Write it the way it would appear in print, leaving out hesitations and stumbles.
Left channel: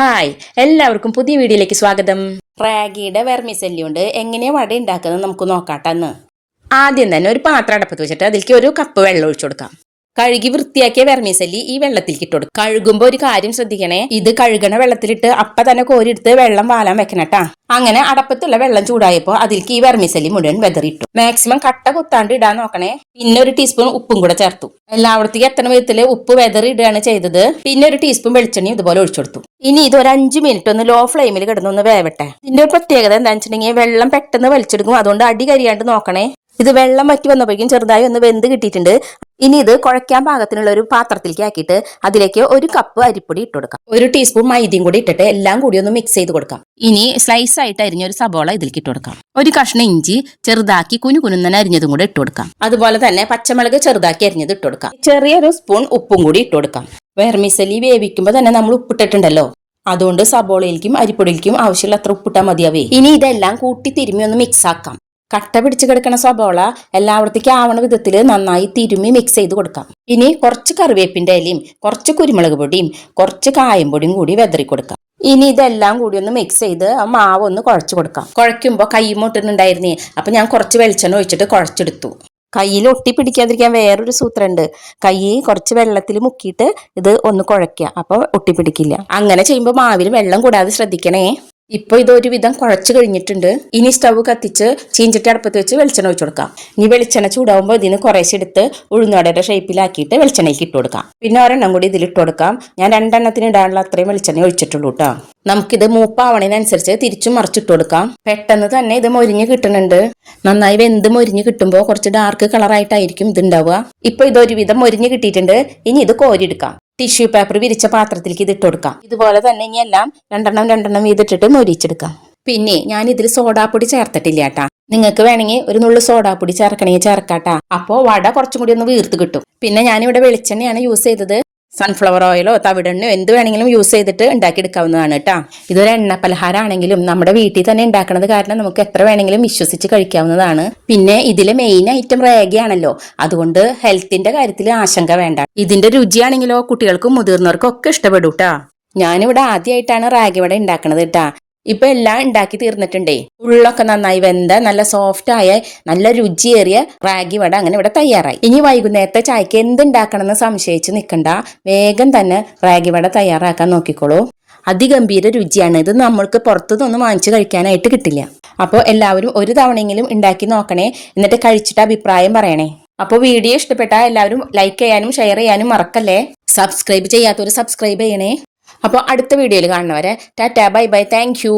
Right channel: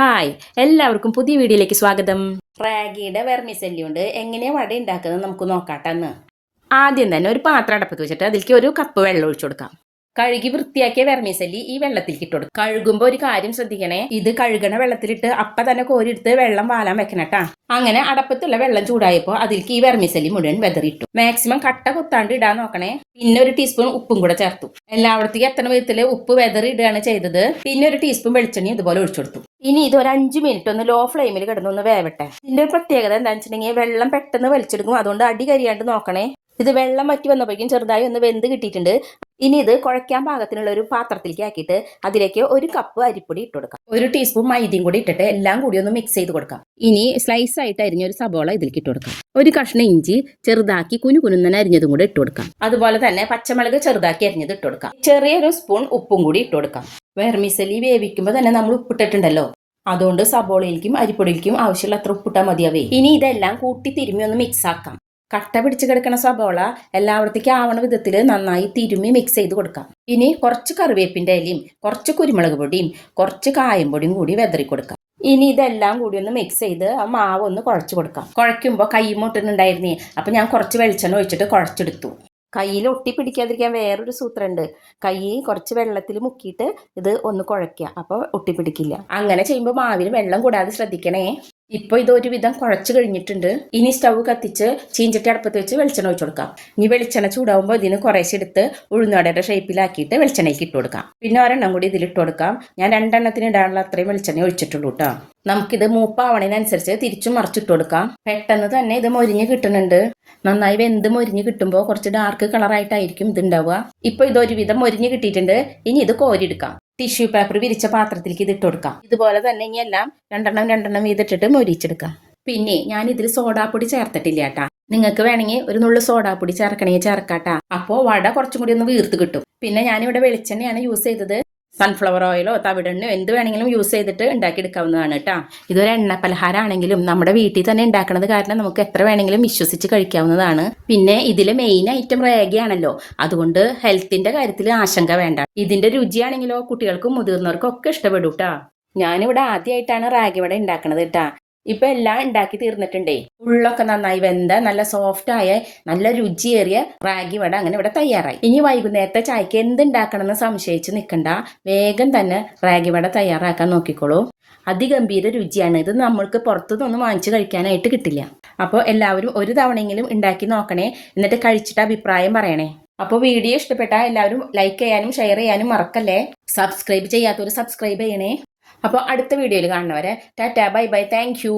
Hi, എല്ലാവർക്കും പുതിയ വീഡിയോയിലേക്ക് സ്വാഗതം. റാഗിയുടെ വെർമിസെല്ലി കൊണ്ട് എങ്ങനെയാണ് വട ഉണ്ടാക്കുന്നത് നമുക്ക് നോക്കാട്ടെന്ന്. ആദ്യം തന്നെ ഒരു പാത്രം അടപ്പത്ത് വെച്ചിട്ട് അതിലേക്ക് ഒരു കപ്പ് വെള്ളം ഒഴിച്ചു കൊടുക്കാം. കഴുകി വൃത്തിയാക്കിയ വെർമിസെല്ലി ഈ വെള്ളത്തിലേക്ക് ഇട്ട് കൊടുക്കും. കഴുകുമ്പോൾ ഒരു കാര്യം ശ്രദ്ധിക്കണേ, ഇത് കഴുകണ വെള്ളത്തിലിട്ട് അപ്പ തന്നെ കോരിയെടുത്ത് വെള്ളം വാലാൻ വെക്കണട്ടാ. അങ്ങനെ അടപ്പത്തുള്ള വെള്ളം ചൂടായപ്പോൾ അതിലേക്ക് ഈ വെർമിസെല്ലി മുഴുവൻ വെതറിയിട്ടു. മാക്സിമം കട്ട കുത്താണ്ട് ഇടാൻ നോക്കണേ. പിന്നെ ഒരു ടീസ്പൂൺ ഉപ്പും കൂടെ ചേർത്തു. എല്ലായിടത്തേക്ക് എത്തണ വിധത്തില് ഉപ്പ് വെതറി ഇടുകയാണ് ചെയ്തത്. പിന്നെ ഒരു ടീസ്പൂൺ വെളിച്ചെണ്ണ ഇതുപോലെ ഒഴിച്ചു കൊടുത്തു. ഇനി ഇത് ഒരു 5 മിനിറ്റ് ഒന്ന് ലോ ഫ്ലെയിമിൽ കിടന്നൊന്ന് വേവട്ടെ. ഇതിന്റെ ഒരു പ്രത്യേകത എന്താണെന്ന് വെച്ചിട്ടുണ്ടെങ്കിൽ വെള്ളം പെട്ടെന്ന് വലിച്ചെടുക്കും. അതുകൊണ്ട് അടി കരിയാണ്ട് നോക്കണേ. ഇത് വെള്ളം വറ്റി വന്നപ്പോഴേക്കും ചെറുതായി ഒന്ന് വെന്ത് കിട്ടിയിട്ടുണ്ട്. ഇനി ഇത് കുഴയ്ക്കാൻ പാകത്തിനുള്ള ഒരു പാത്രത്തിലേക്ക് ആക്കിയിട്ട് അതിലേക്ക് ഒരു കപ്പ് അരിപ്പൊടി ഇട്ട് കൊടുക്കാം. ഒരു ടീസ്പൂൺ മൈദയും കൂടി ഇട്ടിട്ട് എല്ലാം കൂടി ഒന്ന് മിക്സ് ചെയ്ത് കൊടുക്കാം. ഇനി സ്ലൈസ് ആയിട്ട് അരിഞ്ഞ ഒരു സബോള ഇതിലേക്ക് ഇട്ട് കൊടുക്കാം. ഒരു കഷ്ണം ഇഞ്ചി ചെറുതാക്കി കുനുകുനുന്നനെ അരിഞ്ഞതും കൂടി ഇട്ട് കൊടുക്കാം. അതുപോലെ തന്നെ പച്ചമുളക് ചെറുതാക്കി അരിഞ്ഞത് ഇട്ട് കൊടുക്കാം. ചെറിയൊരു സ്പൂൺ ഉപ്പും കൂടി ഇട്ട് കൊടുക്കാം. വെർമിസെല്ലി വേവിക്കുമ്പോൾ തന്നെ നമ്മൾ ഉപ്പിട്ടിട്ടുണ്ടല്ലോ, അതുകൊണ്ട് സബോളയിലേക്കും അരിപ്പൊടിയിലേക്കും ആവശ്യമുള്ള അത്ര ഉപ്പിട്ടാൽ മതിയാവേ. ഇനി ഇതെല്ലാം കൂട്ടി തിരുമ്മി ഒന്ന് മിക്സ് ആക്കാം. കട്ട പിടിച്ച് കിടക്കുന്ന സബോള എല്ലായിടത്തേക്കും ആവണ വിധത്തിൽ നന്നായി തിരുമ്മി മിക്സ് ചെയ്ത് കൊടുക്കാം. ഇനി കുറച്ച് കറിവേപ്പിന്റെ ഇലയും കുറച്ച് കുരുമുളക് പൊടിയും കുറച്ച് കായം പൊടിയും കൂടി വെതറി കൊടുക്കാം. ഇനി ഇതെല്ലാം കൂടി ഒന്ന് മിക്സ് ചെയ്ത് ആ മാവ് ഒന്ന് കുഴച്ച് കൊടുക്കാം. കുഴയ്ക്കുമ്പോൾ കൈ മുട്ടുന്നുണ്ടായിരുന്നേ, അപ്പൊ ഞാൻ കുറച്ച് വെളിച്ചെണ്ണ ഒഴിച്ചിട്ട് കുഴച്ചെടുത്തു. കയ്യിൽ ഒട്ടി പിടിക്കാതിരിക്കാൻ വേറൊരു സൂത്രമുണ്ട്. കൈ കുറച്ച് വെള്ളത്തിൽ മുക്കിയിട്ട് ഇത് ഒന്ന് കുഴയ്ക്കുക, അപ്പോൾ ഒട്ടിപ്പിടിക്കില്ല. അങ്ങനെ ചെയ്യുമ്പോൾ മാവിൽ വെള്ളം കൂടാതെ ശ്രദ്ധിക്കണേ. ഇപ്പൊ ഇത് ഒരുവിധം കുഴച്ച് കഴിഞ്ഞിട്ടുണ്ട്. ഇനി സ്റ്റവ് കത്തിച്ച് ചീഞ്ചട്ടി അടുപ്പത്ത് വെച്ച് വെളിച്ചെണ്ണ ഒഴിച്ചു കൊടുക്കാം. ഇനി വെളിച്ചെണ്ണ ചൂടാവുമ്പോൾ ഇതിന് കുറേശ്ശെ എടുത്ത് ഉഴുന്നുവടയുടെ ഷേപ്പിലാക്കിയിട്ട് വെളിച്ചെണ്ണയ്ക്ക് ഇട്ട് കൊടുക്കാം. പിന്നെ ഒരെണ്ണം കൂടി ഇതിലിട്ട് കൊടുക്കാം. ഞാൻ 2 എണ്ണത്തിന് ഇടാനുള്ള അത്രയും വെളിച്ചെണ്ണ ഒഴിച്ചിട്ടുള്ളൂ കേട്ടോ. നമുക്കിത് മൂപ്പാവണതിനനുസരിച്ച് തിരിച്ചും മറിച്ചിട്ട് കൊടുക്കാം. പെട്ടെന്ന് തന്നെ ഇത് മൊരിഞ്ഞ് കിട്ടുന്നുണ്ട്. നന്നായി വെന്ത് മൊരിഞ്ഞ് കിട്ടുമ്പോൾ കുറച്ച് ഡാർക്ക് കളറായിട്ടായിരിക്കും ഇത് ഉണ്ടാവുക. ഇപ്പൊ ഇത് ഒരുവിധം മൊരിഞ്ഞ് കിട്ടിയിട്ടുണ്ട്. ഇനി ഇത് കോരിയെടുക്കാം. ടിഷ്യൂ പേപ്പർ വിരിച്ച പാത്രത്തിലേക്ക് ഇത് ഇട്ട് കൊടുക്കാം. ഇതുപോലെ തന്നെ ഇനി എല്ലാം രണ്ടെണ്ണം വീതിട്ടിട്ട് മൊരിച്ചെടുക്കാം. പിന്നെ ഞാൻ ഇതിൽ സോഡാപ്പൊടി ചേർത്തിട്ടില്ല കേട്ടാ. നിങ്ങൾക്ക് വേണമെങ്കിൽ ഒരു നുള്ളു സോഡാപ്പൊടി ചേർക്കണമെങ്കിൽ ചേർക്കാട്ടാ. അപ്പോൾ വട കുറച്ചും കൂടി ഒന്ന് വീർത്ത് കിട്ടും. പിന്നെ ഞാനിവിടെ വെളിച്ചെണ്ണയാണ് യൂസ് ചെയ്തത്. സൺഫ്ലവർ ഓയിലോ തവിടെണ്ണയോ എന്ത് വേണമെങ്കിലും യൂസ് ചെയ്തിട്ട് ഉണ്ടാക്കിയെടുക്കാവുന്നതാണ് കേട്ടോ. ഇതൊരു എണ്ണ പലഹാരമാണെങ്കിലും നമ്മുടെ വീട്ടിൽ തന്നെ ഉണ്ടാക്കുന്നത് കാരണം നമുക്ക് എത്ര വേണമെങ്കിലും വിശ്വസിച്ച് കഴിക്കാവുന്നതാണ്. പിന്നെ ഇതിലെ മെയിൻ ഐറ്റം റാഗിയാണല്ലോ, അതുകൊണ്ട് ഹെൽത്തിന്റെ കാര്യത്തിൽ ആശങ്ക വേണ്ട. ഇതിന്റെ രുചിയാണെങ്കിലോ കുട്ടികൾക്കും മുതിർന്നവർക്കും ഒക്കെ ഇഷ്ടപ്പെടും കേട്ടോ. ഞാനിവിടെ ആദ്യമായിട്ടാണ് റാഗി വട ഉണ്ടാക്കണത് കേട്ടാ. ഇപ്പൊ എല്ലാം ഉണ്ടാക്കി തീർന്നിട്ടുണ്ടേ. ഉള്ളൊക്കെ നന്നായി വെന്ത നല്ല സോഫ്റ്റ് ആയ നല്ല രുചിയേറിയ റാഗി വട അങ്ങനെ ഇവിടെ തയ്യാറായി. ഇനി വൈകുന്നേരത്തെ ചായക്ക് എന്തുണ്ടാക്കണമെന്ന് സംശയിച്ച് നിൽക്കണ്ട, വേഗം തന്നെ റാഗി വട തയ്യാറാക്കാൻ നോക്കിക്കോളൂ. അതിഗംഭീര രുചിയാണ്. ഇത് നമ്മൾക്ക് പുറത്തുനിന്ന് വാങ്ങിച്ച് കഴിക്കാനായിട്ട് കിട്ടില്ല. അപ്പോൾ എല്ലാവരും ഒരു തവണയെങ്കിലും ഉണ്ടാക്കി നോക്കണേ. എന്നിട്ട് കഴിച്ചിട്ട് അഭിപ്രായം പറയണേ. അപ്പോൾ വീഡിയോ ഇഷ്ടപ്പെട്ടാൽ എല്ലാവരും ലൈക്ക് ചെയ്യാനും ഷെയർ ചെയ്യാനും മറക്കല്ലേ. സബ്സ്ക്രൈബ് ചെയ്യാത്തവർ സബ്സ്ക്രൈബ് ചെയ്യണേ. അപ്പോൾ അടുത്ത വീഡിയോയിൽ കാണുന്നവരെ tata bye bye, thank you.